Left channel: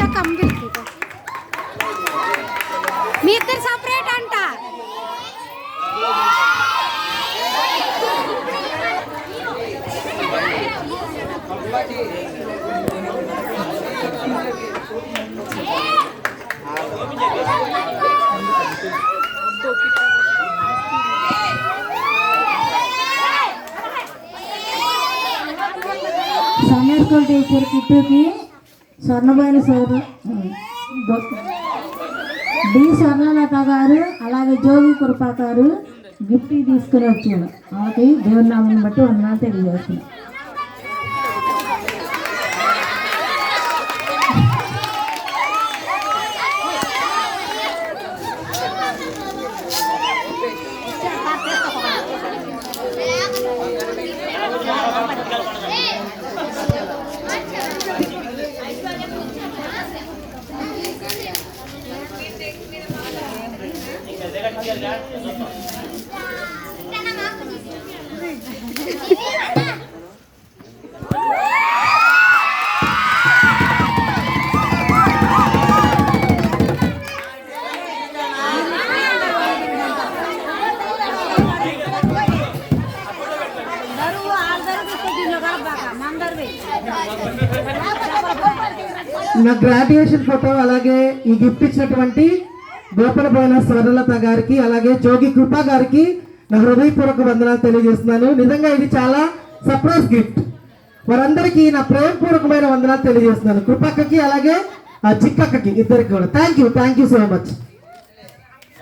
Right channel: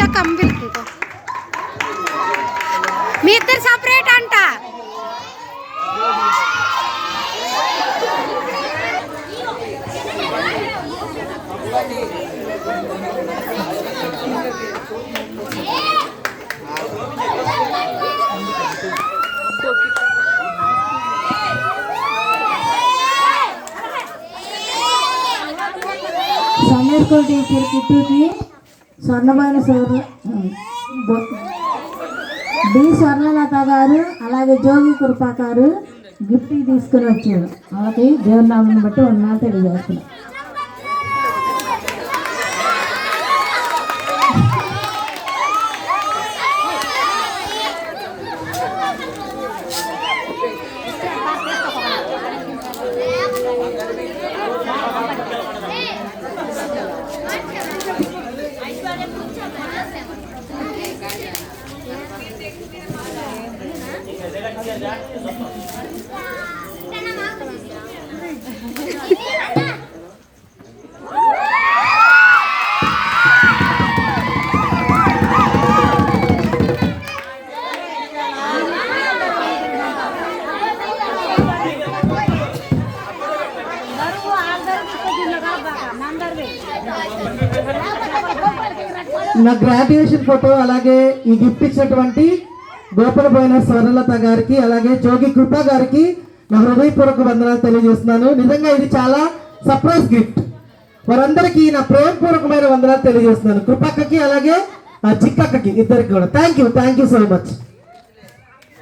వచ్చాక అమ్మిల్ మీ ఇద్దరు సపరేట్ అంట. సండే స్కూల్ టీచర్ కిట్టుకి స్వర్ణమైన డి స్వర్ణలత గారు అలాగే జోగి కృపా గారు గిఫ్ట్ తీసుకుని వచ్చాడు. వాళ్ళకి దేవుని నామని బట్టి వందనాలు తెలియజేస్తున్నాం. నా గ్రాడ్యుయేషన్ ఫోటో అలాగే ఈ గిఫ్ట్ ఇచ్చినటువంటి గోపనపోయిన స్వర్ణలత గారికి అలాగే జోగి కృపా గారికి నా హృదయపూర్వక వందనాలు తెలియజేస్తున్నాను. నిజంగా ఇది చాలా సర్ప్రైజ్ గిఫ్ట్. వారందరికీ నా ప్రేమపూర్వకమైన వందనాలు తెలియజేస్తున్నాను. కృపక్కకి అలాగే చిక్కక్కకి ఇద్దరికి కూడా థ్యాంక్ యూ సో మచ్.